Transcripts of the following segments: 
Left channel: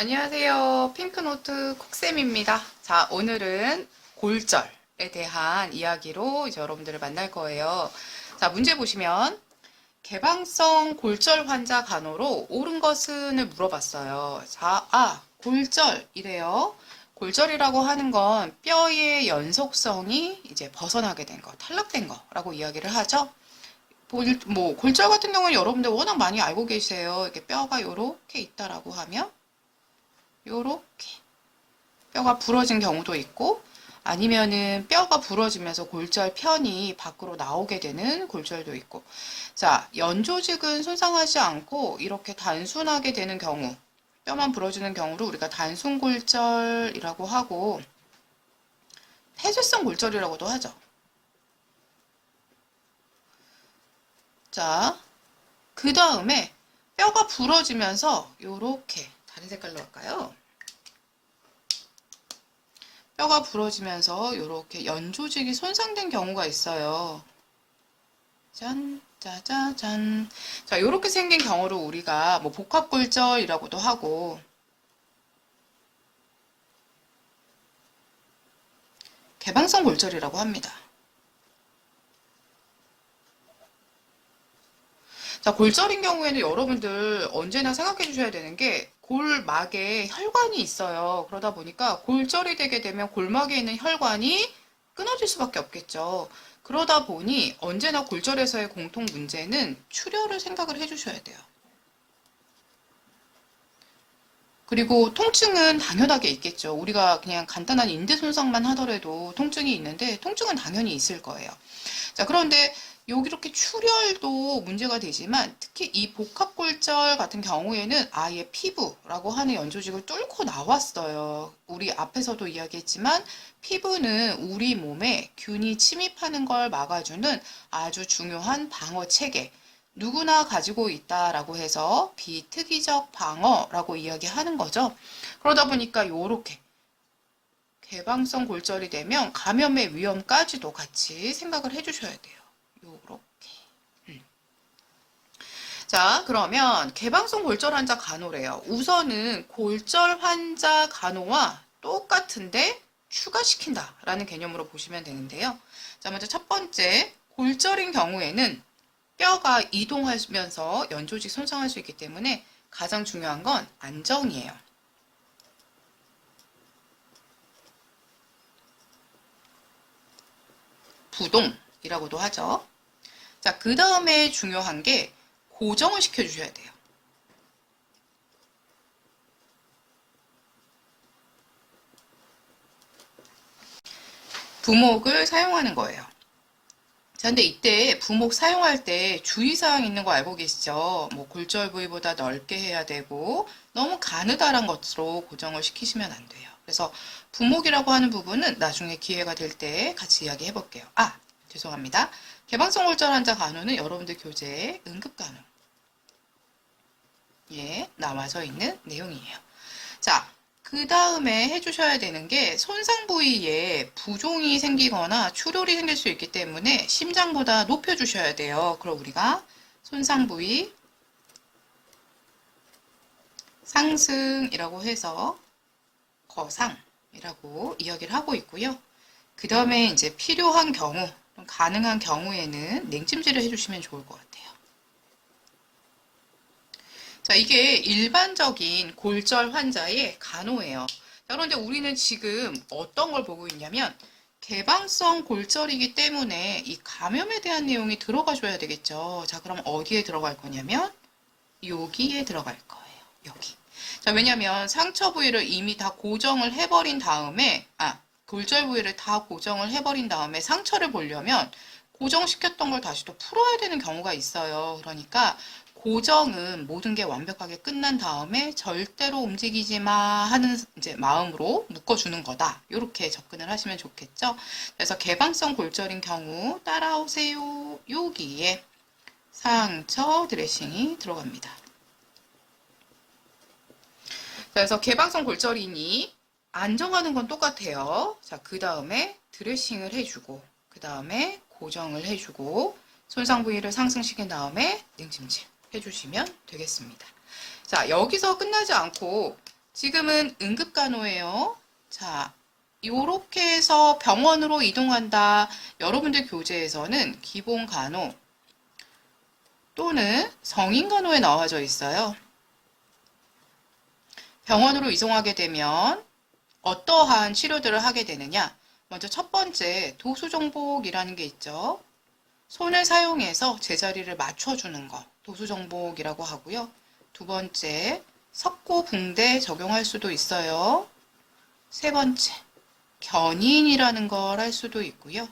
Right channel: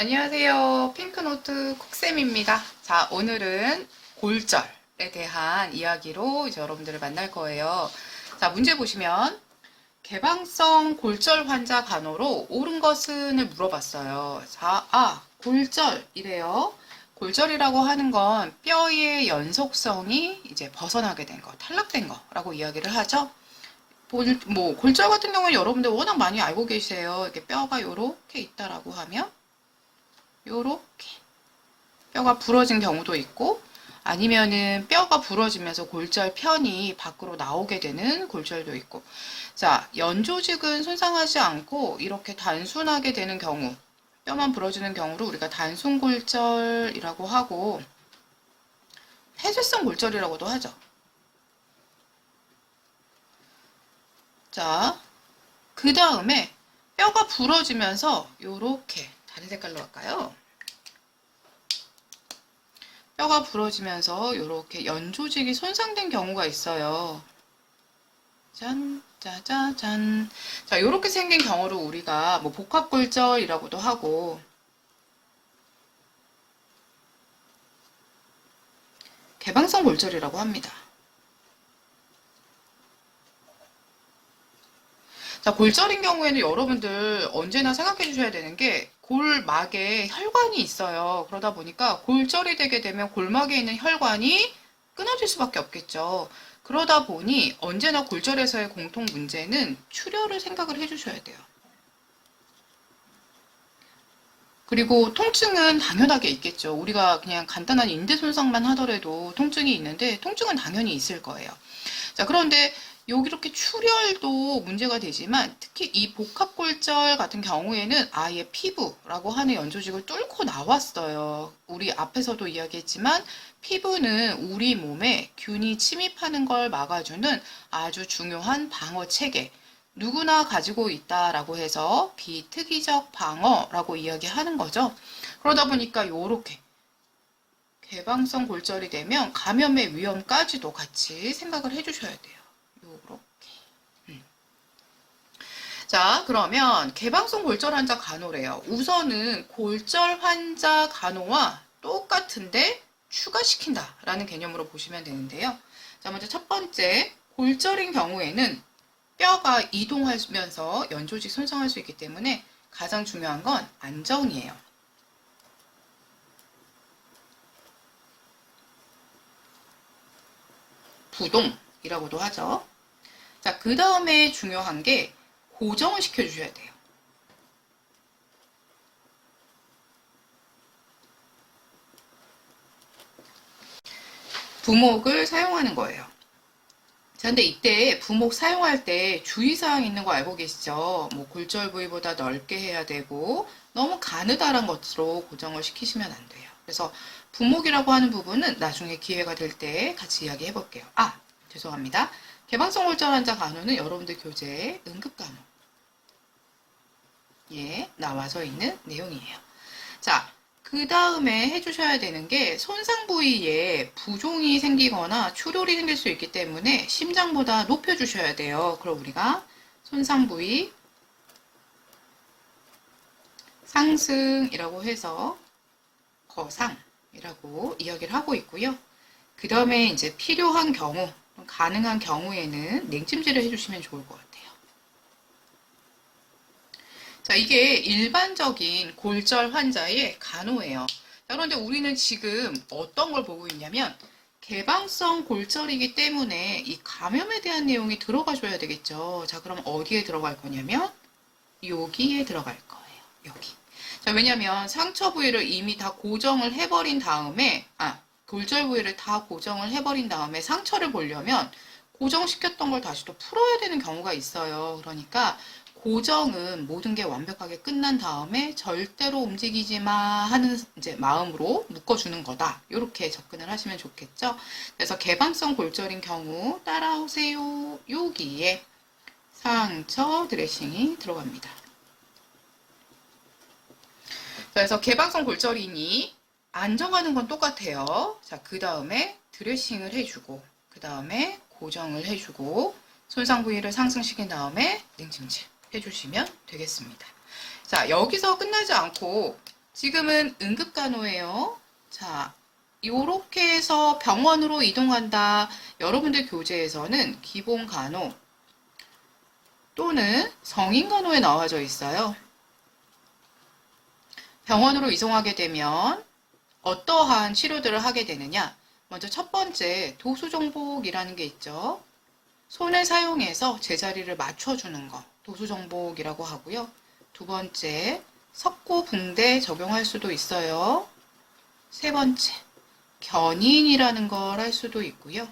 안녕하세요. 핑크노트 콕쌤입니다. 자, 오늘은 골절에 대한 이야기로 이제 여러분들을 만날 거예요. 자, 문제 보시면 개방성 골절 환자 간호로 옳은 것은을 물어봤어요. 자, 골절이래요. 골절이라고 하는 건 뼈의 연속성이 이제 벗어나게 된 거, 탈락된 거라고 이야기를 하죠. 골절 같은 경우는 여러분들 워낙 많이 알고 계세요. 이렇게 뼈가 요렇게 있다라고 하면 요렇게 뼈가 부러진 경우도 있고, 아니면은 뼈가 부러지면서 골절 편이 밖으로 나오게 되는 골절도 있고. 자, 연조직은 손상하지 않고 이렇게 단순하게 되는 경우, 뼈만 부러지는 경우를 우리가 단순골절이라고 하고 폐쇄성 골절이라고도 하죠. 자, 그 다음에 뼈가 부러지면서 요렇게 다른 색깔로 할까요? 뼈가 부러지면서 이렇게 연조직이 손상된 경우가 있어요. 짠, 짜자잔. 자, 이렇게 생긴 경우를 우리가 뭐 복합골절이라고도 하고 개방성 골절이라고 합니다. 자, 골절인 경우에는 여러분들 언제나 생각해 주셔야 되는 게 골막에 혈관이 있어요. 그러다 보니까 골절이 되게 되면 골막에 있는 혈관이 끊어질 수밖에 없겠죠. 그러다 보니 언제나 골절에서의 공통 문제는 출혈을 생각을 해 주셔야 돼요. 그리고 통증은 당연하게 있겠죠. 우리가 그냥 간단한 인대 손상만 하더라도 통증이 있는데 통증은 당연히 있을 거예요. 자, 그런데 여기 이렇게 출혈도 문제가 되지만 특히 이 복합골절 같은 경우에는 아예 피부라고 하는 연조직을 뚫고 나왔어요. 우리 앞에서도 이야기했지만 피부는 우리 몸에 균이 침입하는 걸 막아주는 아주 중요한 방어 체계. 누구나 가지고 있다라고 해서 비특이적 방어라고 이야기하는 거죠. 그러다 보니까 요렇게 개방성 골절이 되면 감염의 위험까지도 같이 생각을 해주셔야 돼요. 요렇게. 자, 그러면 개방성 골절 환자 간호래요. 우선은 골절 환자 간호와 똑같은데 추가시킨다라는 개념으로 보시면 되는데요. 자, 먼저 첫 번째, 골절인 경우에는 뼈가 이동하면서 연조직 손상할 수 있기 때문에 가장 중요한 건 안전이에요. 부동이라고도 하죠. 자, 그 다음에 중요한 게 고정을 시켜주셔야 돼요. 부목을 사용하는 거예요. 자, 근데 이때 부목 사용할 때 주의사항 있는 거 알고 계시죠? 뭐 골절 부위보다 넓게 해야 되고 너무 가느다란 것으로 고정을 시키시면 안 돼요. 그래서 부목이라고 하는 부분은 나중에 기회가 될 때 같이 이야기해 볼게요. 죄송합니다. 개방성 골절 환자 간호는 여러분들 교재에 응급간호 나와져 있는 내용이에요. 자, 그 다음에 해주셔야 되는 게 손상 부위에 부종이 생기거나 출혈이 생길 수 있기 때문에 심장보다 높여주셔야 돼요. 그럼 우리가 손상 부위 상승이라고 해서 거상이라고 이야기를 하고 있고요. 그 다음에 이제 필요한 경우, 가능한 경우에는 냉찜질을 해주시면 좋을 것 같아요. 자, 이게 일반적인 골절 환자의 간호예요. 자, 그런데 우리는 지금 어떤 걸 보고 있냐면 개방성 골절이기 때문에 이 감염에 대한 내용이 들어가줘야 되겠죠. 자, 그럼 어디에 들어갈 거냐면 여기에 들어갈 거예요. 여기. 자, 왜냐면 상처 부위를 이미 다 고정을 해버린 다음에 골절 부위를 다 고정을 해버린 다음에 상처를 보려면 고정시켰던 걸 다시 또 풀어야 되는 경우가 있어요. 그러니까 고정은 모든 게 완벽하게 끝난 다음에 절대로 움직이지 마 하는 이제 마음으로 묶어주는 거다. 이렇게 접근을 하시면 좋겠죠. 그래서 개방성 골절인 경우 따라오세요. 여기에 상처 드레싱이 들어갑니다. 그래서 개방성 골절이니 안정하는 건 똑같아요. 자, 그 다음에 드레싱을 해주고, 그 다음에 고정을 해주고, 손상 부위를 상승시킨 다음에 냉찜질 해주시면 되겠습니다. 자, 여기서 끝나지 않고 지금은 응급간호예요. 자, 요렇게 해서 병원으로 이동한다. 여러분들 교재에서는 기본간호 또는 성인간호에 나와져 있어요. 병원으로 이송하게 되면 어떠한 치료들을 하게 되느냐? 먼저 첫 번째, 도수정복이라는 게 있죠. 손을 사용해서 제자리를 맞춰주는 거, 도수정복이라고 하고요. 두 번째, 석고붕대 적용할 수도 있어요. 세 번째, 견인이라는 걸 할 수도 있고요.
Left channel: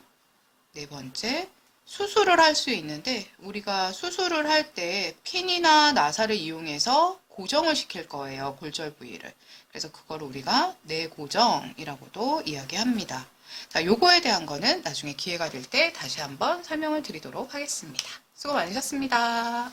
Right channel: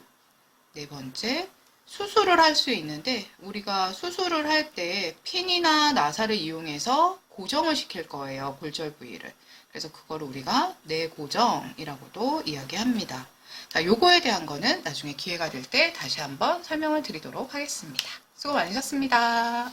네 번째, 수술을 할 수 있는데 우리가 수술을 할 때 핀이나 나사를 이용해서 고정을 시킬 거예요. 골절 부위를. 그래서 그걸 우리가 내고정이라고도 이야기합니다. 자, 요거에 대한 거는 나중에 기회가 될 때 다시 한번 설명을 드리도록 하겠습니다. 수고 많으셨습니다.